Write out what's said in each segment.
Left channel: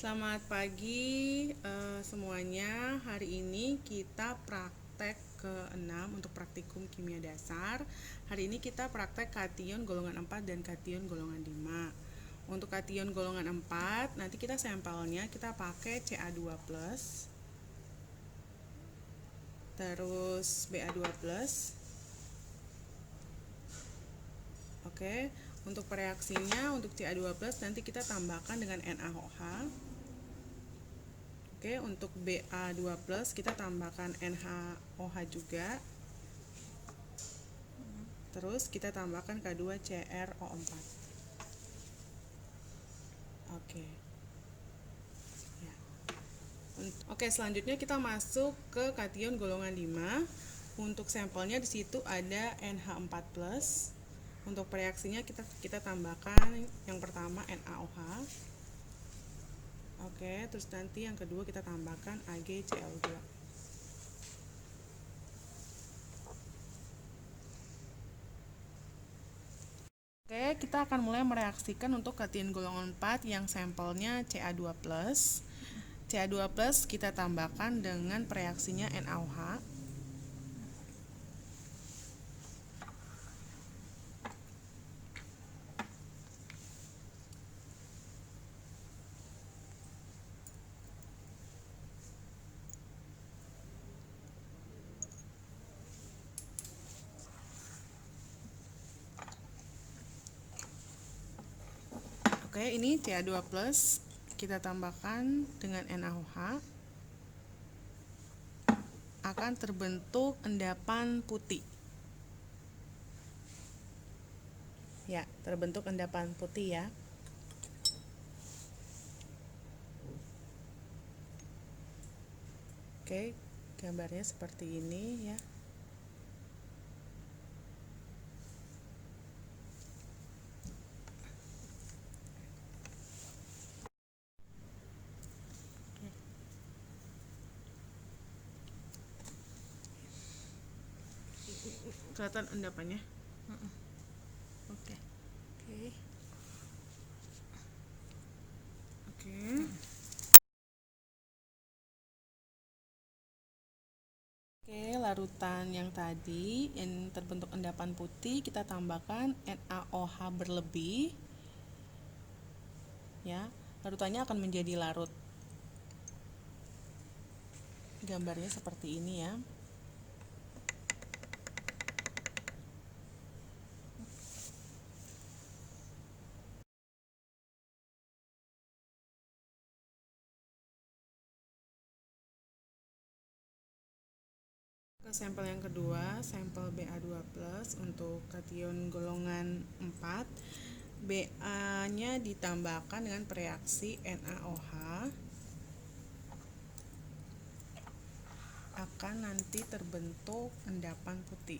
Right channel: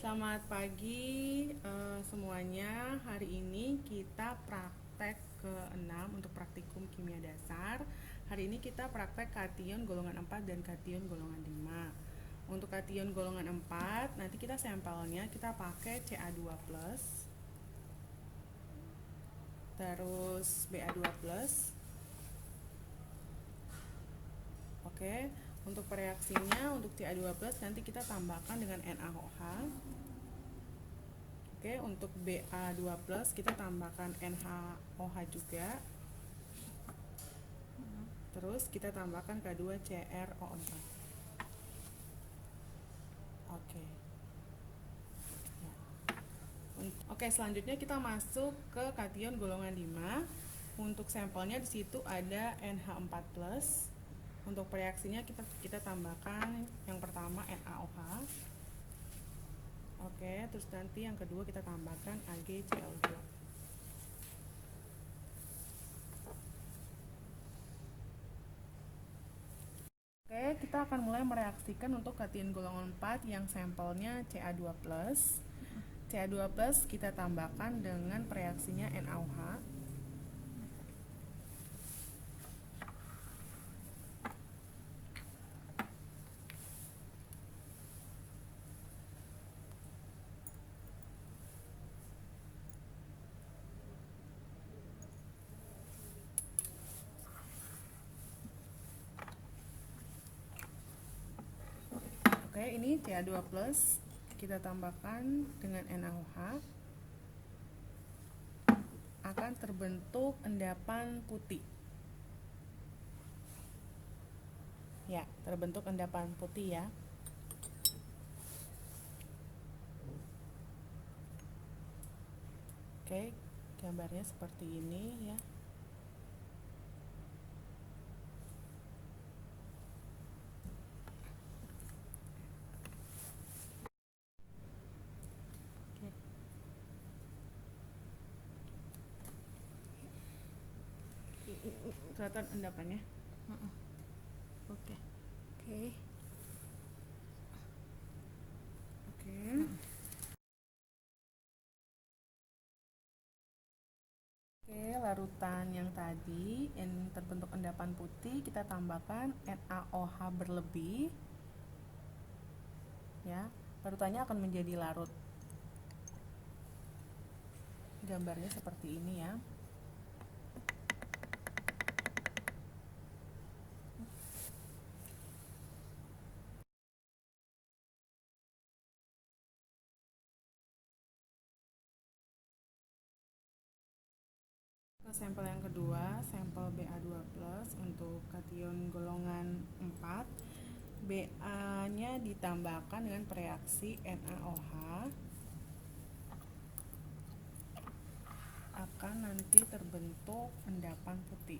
Selamat pagi semuanya. Hari ini kita praktek ke-6 untuk praktikum kimia dasar. Hari ini kita praktek kation golongan 4 dan kation golongan 5. Untuk kation golongan 4, nanti kita sampelnya kita pakai Ca2+, terus Ba2+. Oke, untuk reaksinya untuk Ca2+ nanti kita tambahkan dengan NaOH. Oke, untuk Ba2+ kita tambahkan NaOH juga. Terus kita tambahkan K2CrO4. Oke. Ya. Oke, selanjutnya kita masuk ke kation golongan 5. Untuk sampelnya di situ ada NH4+. Untuk reaksinya kita tambahkan yang pertama NaOH. Oke, terus nanti yang kedua kita tambahkan AgCl2. Oke, kita akan mulai mereaksikan untuk kation golongan 4 yang sampelnya Ca2+. Ca2+ kita tambahkan dengan reaksinya NaOH. Oke, ini Ca2+ kita tambahkan dengan NaOH, akan terbentuk endapan putih. Ya, terbentuk endapan putih ya. Oke, gambarnya seperti ini ya. Kelihatan endapannya. Oke. Oke, larutan yang tadi yang terbentuk endapan putih kita tambahkan NaOH berlebih. Ya, larutannya akan menjadi larut. Gambarnya seperti ini ya. Ke sampel yang kedua, sampel Ba2+ untuk kation golongan 4. Ba-nya ditambahkan dengan reaksi NaOH, akan nanti terbentuk endapan putih.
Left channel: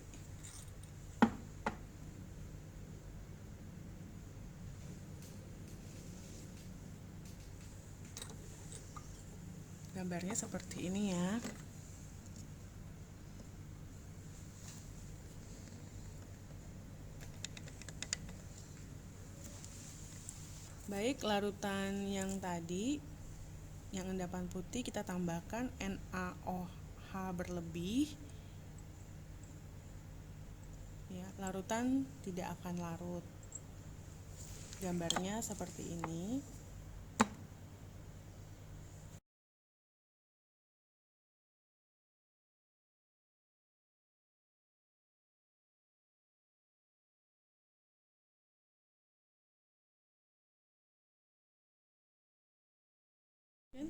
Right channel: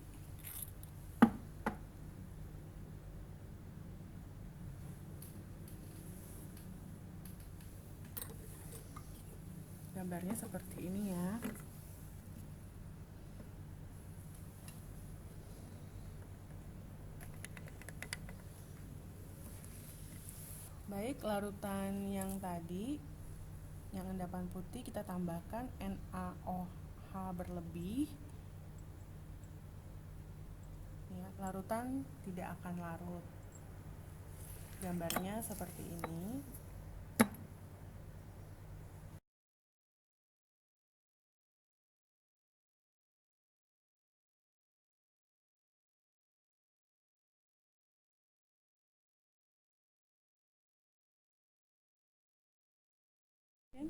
Gambarnya seperti ini ya. Baik, larutan yang tadi yang endapan putih kita tambahkan NaOH berlebih. Ya, larutan tidak akan larut. Gambarnya seperti ini.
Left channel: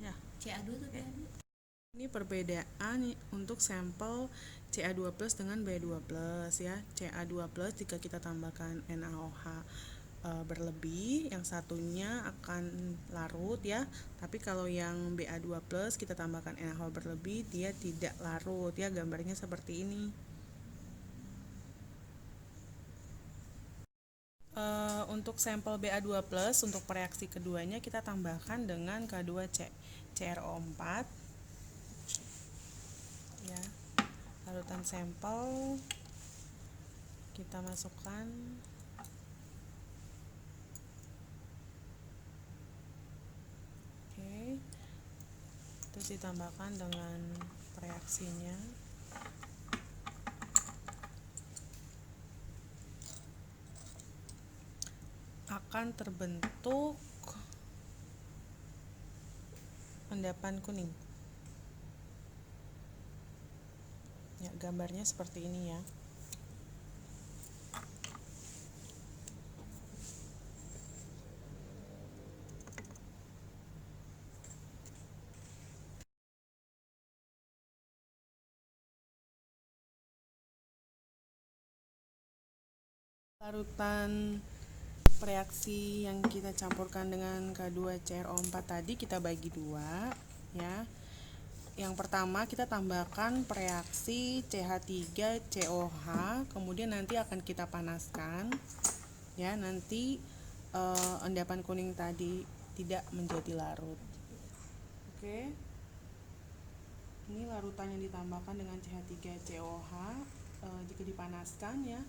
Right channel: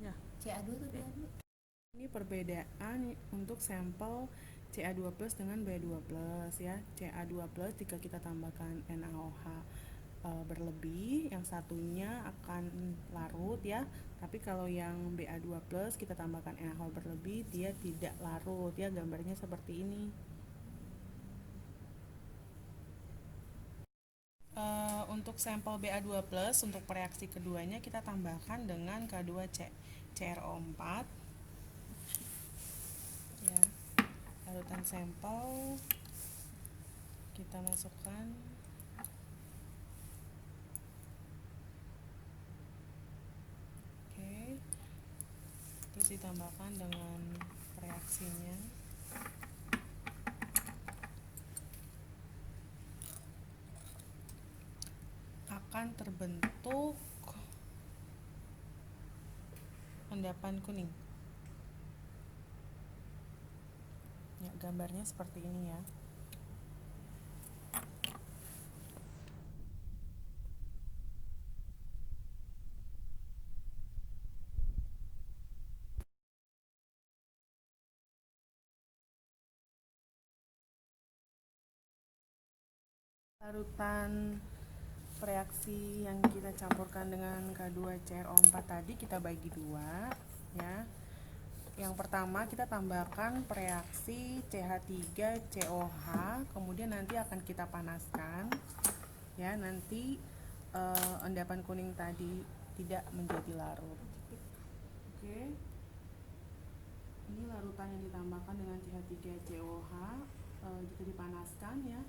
Ya, CA2 tuh Ini perbedaan untuk sampel Ca2+ dengan Ba2+ ya. Ca2+ jika kita tambahkan NaOH berlebih, yang satunya akan larut ya. Tapi kalau yang Ba2+ kita tambahkan NaOH berlebih, dia tidak larut ya. Gambarnya seperti ini. Untuk sampel Ba2+ untuk reaksi keduanya kita tambahkan dengan K2CrO4 ya. Larutan sampel kita masukkan. Oke. ditambahkan dengan reaksinya. Akan terbentuk endapan kuning. Ya, gambarnya seperti ini ya. Larutan reaksi yang kita campurkan dengan K2CrO4 tadi kita bagi dua ya. Yang pertama kita tambahkan reaksi CH3COH, kemudian nanti akan kita panaskan ya, nanti endapan kuning tadi tidak menjadi larut. Oke. Ini larutan yang ditambahkan dengan CH3COH, jika dipanaskan ya,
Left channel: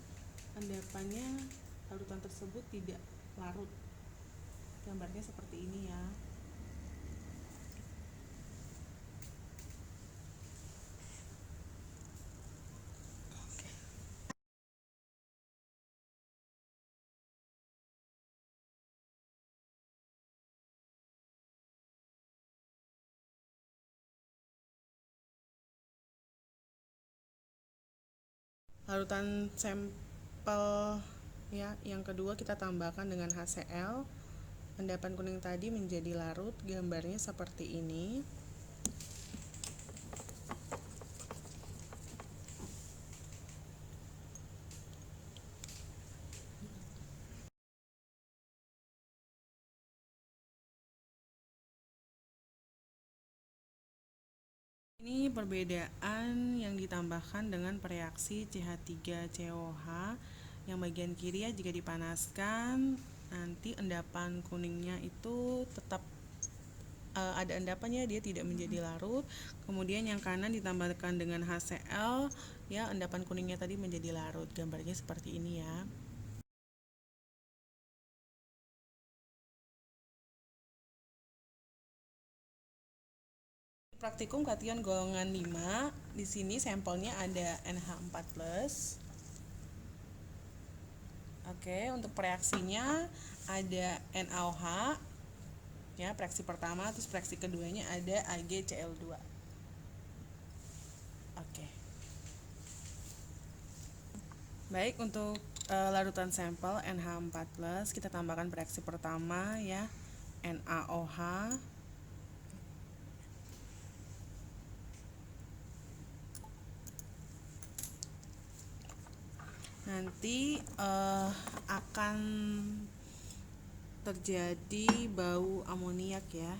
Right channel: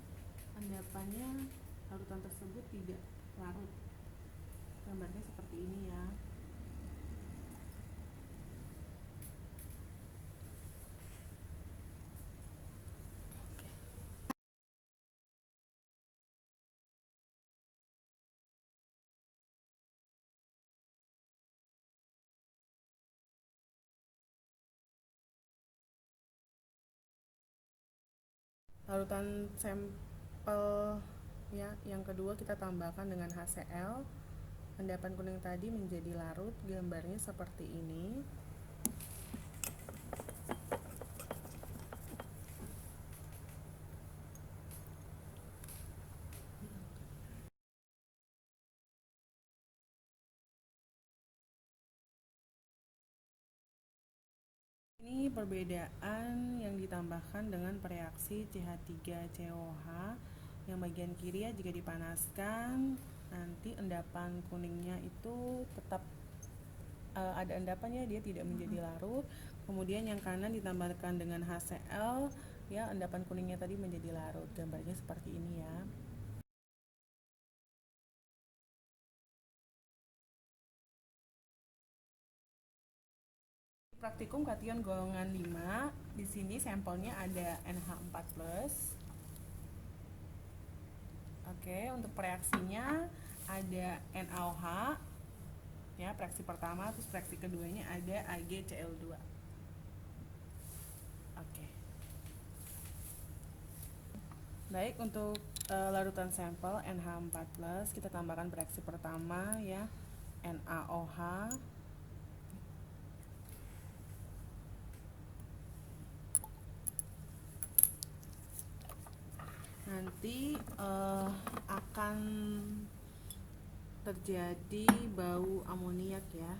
endapannya larutan tersebut tidak larut. Gambarnya seperti ini ya. Larutan sampel ya, yang kedua kita tambahkan dengan HCl. Endapan kuning tadi menjadi larut, gambarnya seperti ini. Ini perbedaan yang ditambahkan dengan reaksi CH3COH. Yang bagian kiri ya, jika dipanaskan nanti endapan kuningnya itu tetap ada endapannya, dia tidak menjadi larut. Kemudian yang kanan ditambahkan dengan HCl ya, endapan kuningnya tadi menjadi larut. Gambarnya seperti ini ya. Praktikum kation golongan 5, di sini sampelnya ada NH4+. Oke, untuk reaksinya ada NaOH ya, reaksi pertama, terus reaksi keduanya ada AgCl2. Oke. Baik, untuk larutan sampel NH4+, kita tambahkan reaksi pertama ya, NaOH. Nanti akan terjadi bau amoniak ya.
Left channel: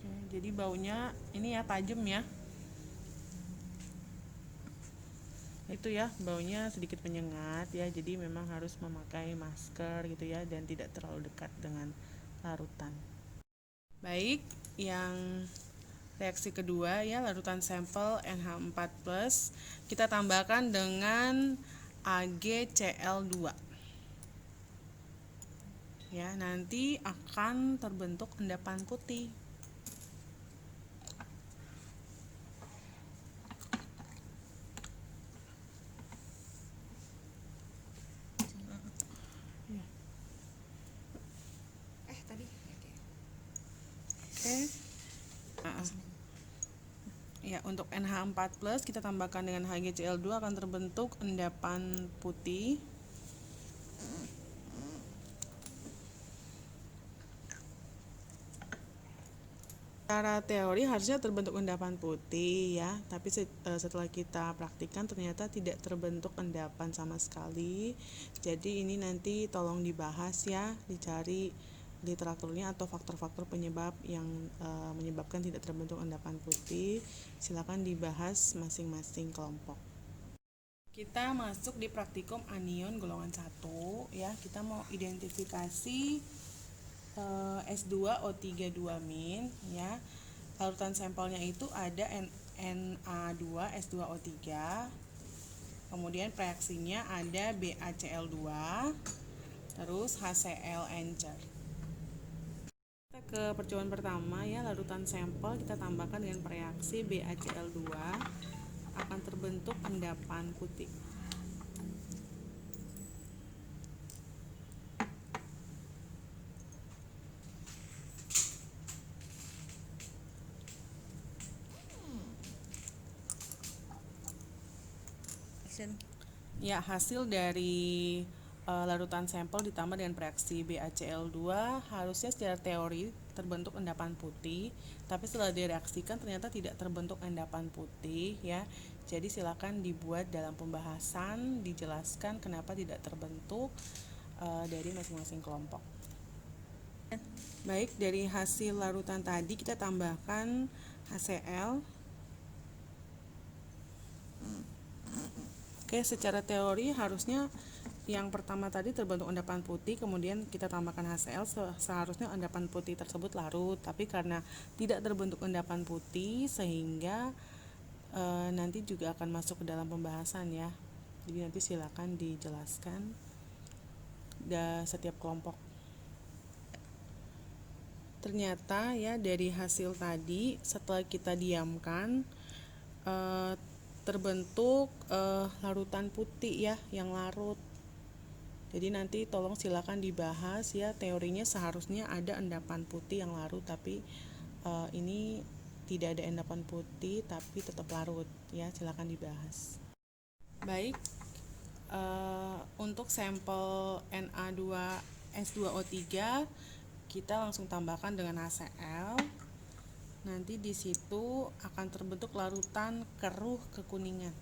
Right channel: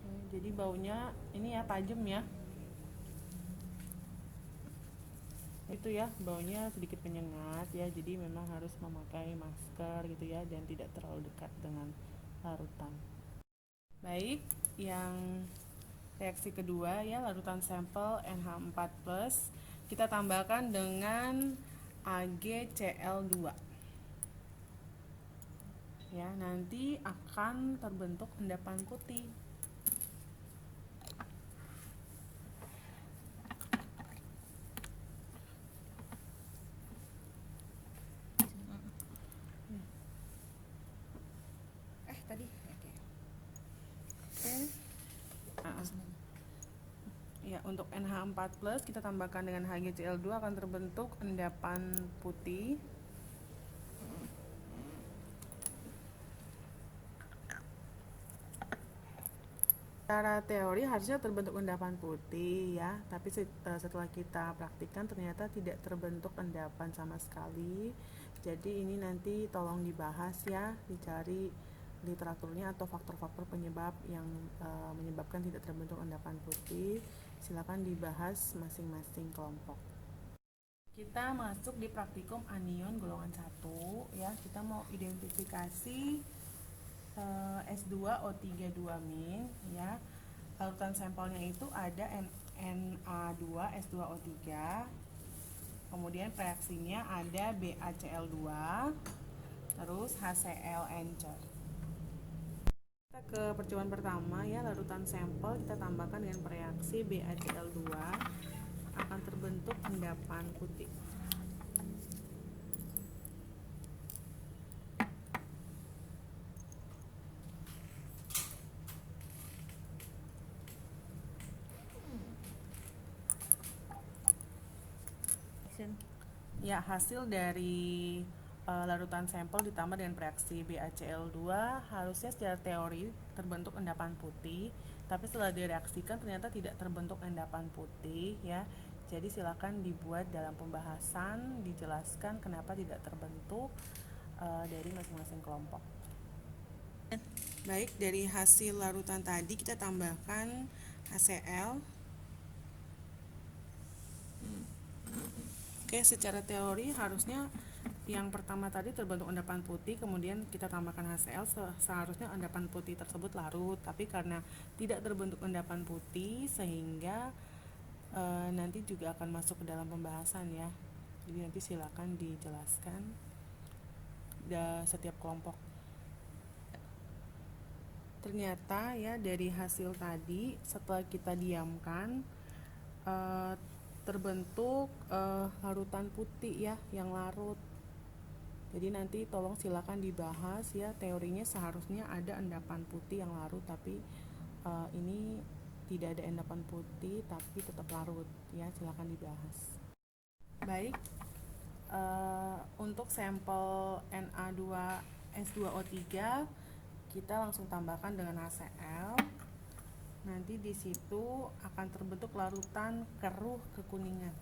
Oke, jadi baunya ini ya, tajam ya. Itu ya, baunya sedikit menyengat ya, jadi memang harus memakai masker gitu ya, dan tidak terlalu dekat dengan larutan. Baik, yang reaksi kedua ya, larutan sampel NH4+, kita tambahkan dengan AgCl2 ya, nanti akan terbentuk endapan putih. Tadi Oke. Ya, untuk NH4+, kita tambahkan dengan HgCl2 akan terbentuk endapan putih. Secara teori harusnya terbentuk endapan putih ya, tapi setelah kita praktikkan ternyata tidak terbentuk endapan sama sekali. Jadi ini nanti tolong dibahas ya, dicari literaturnya atau faktor-faktor penyebab yang menyebabkan tidak terbentuk endapan putih. Silakan dibahas masing-masing kelompok. Kita masuk di praktikum anion golongan 1 ya, kita mau identifikasi S2O3 2- ya. Larutan sampelnya itu ada Na2S2O3. Kemudian reaksinya ada BaCl2 terus HCl encer. Kita ke percobaan pertama ya, larutan sampel kita tambahkan dengan reaksi BaCl2 akan terbentuk endapan putih. Ya, hasil dari larutan sampel ditambah dengan reaksi BaCl2 harusnya secara teori terbentuk endapan putih, tapi setelah direaksikan ternyata tidak terbentuk endapan putih ya. Jadi silakan dibuat dalam pembahasan, dijelaskan kenapa tidak terbentuk dari masing-masing kelompok. Baik, dari hasil larutan tadi kita tambahkan HCl. Oke, secara teori harusnya yang pertama tadi terbentuk endapan putih, kemudian kita tambahkan HCl, seharusnya endapan putih tersebut larut, tapi karena tidak terbentuk endapan putih sehingga nanti juga akan masuk ke dalam pembahasan ya. Jadi nanti silakan dijelaskan setiap kelompok. Ternyata ya dari hasil tadi setelah kita diamkan terbentuk larutan putih ya yang larut. Jadi nanti tolong silakan dibahas ya, teorinya seharusnya ada endapan putih yang larut, tapi ini tidak ada endapan putih tapi tetap larut ya, silakan dibahas. Baik, untuk sampel Na2S2O3 kita langsung tambahkan dengan HCl. Nanti di situ akan terbentuk larutan keruh kekuningan.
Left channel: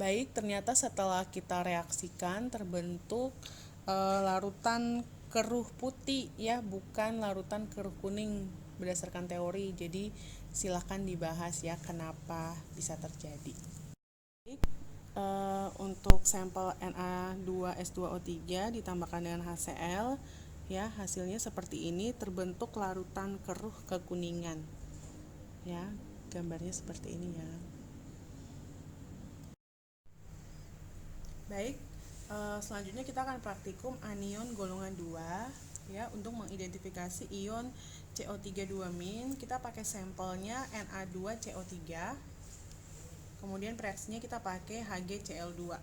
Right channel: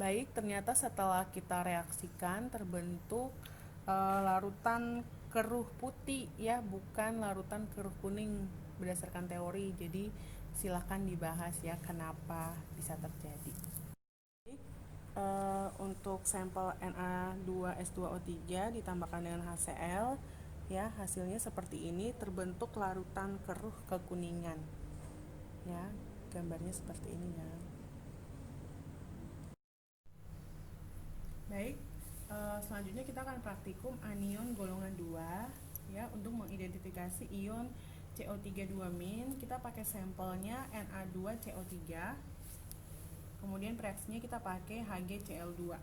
Baik, ternyata setelah kita reaksikan terbentuk larutan keruh putih ya, bukan larutan keruh kuning berdasarkan teori. Jadi silahkan dibahas ya kenapa bisa terjadi. Baik, untuk sampel Na2S2O3 ditambahkan dengan HCl ya, hasilnya seperti ini, terbentuk larutan keruh kekuningan ya, gambarnya seperti ini ya. Baik, selanjutnya kita akan praktikum anion golongan 2 ya. Untuk mengidentifikasi ion CO3 2-, kita pakai sampelnya Na2CO3. Kemudian reaksinya kita pakai HgCl2.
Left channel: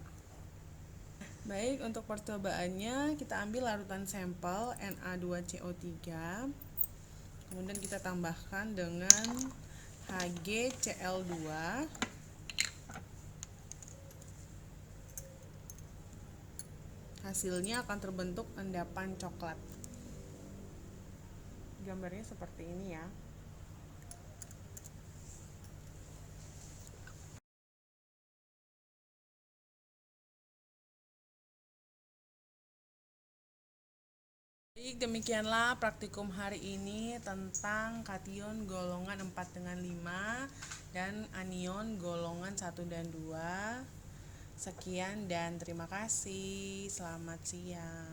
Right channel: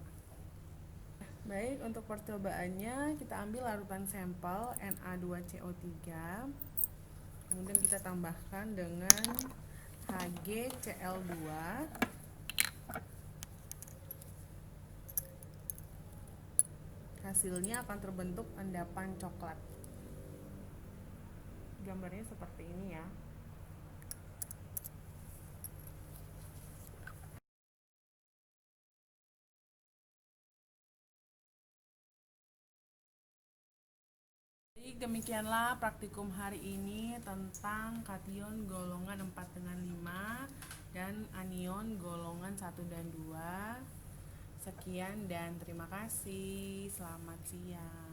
Baik, untuk percobaannya kita ambil larutan sampel Na2CO3. Kemudian kita tambahkan dengan HgCl2. Hasilnya akan terbentuk endapan coklat. Gambarnya seperti ini ya. Baik, demikianlah praktikum hari ini tentang kation golongan 4/5 dan anion golongan 1 dan 2. Sekian dan terima kasih. Selamat siang.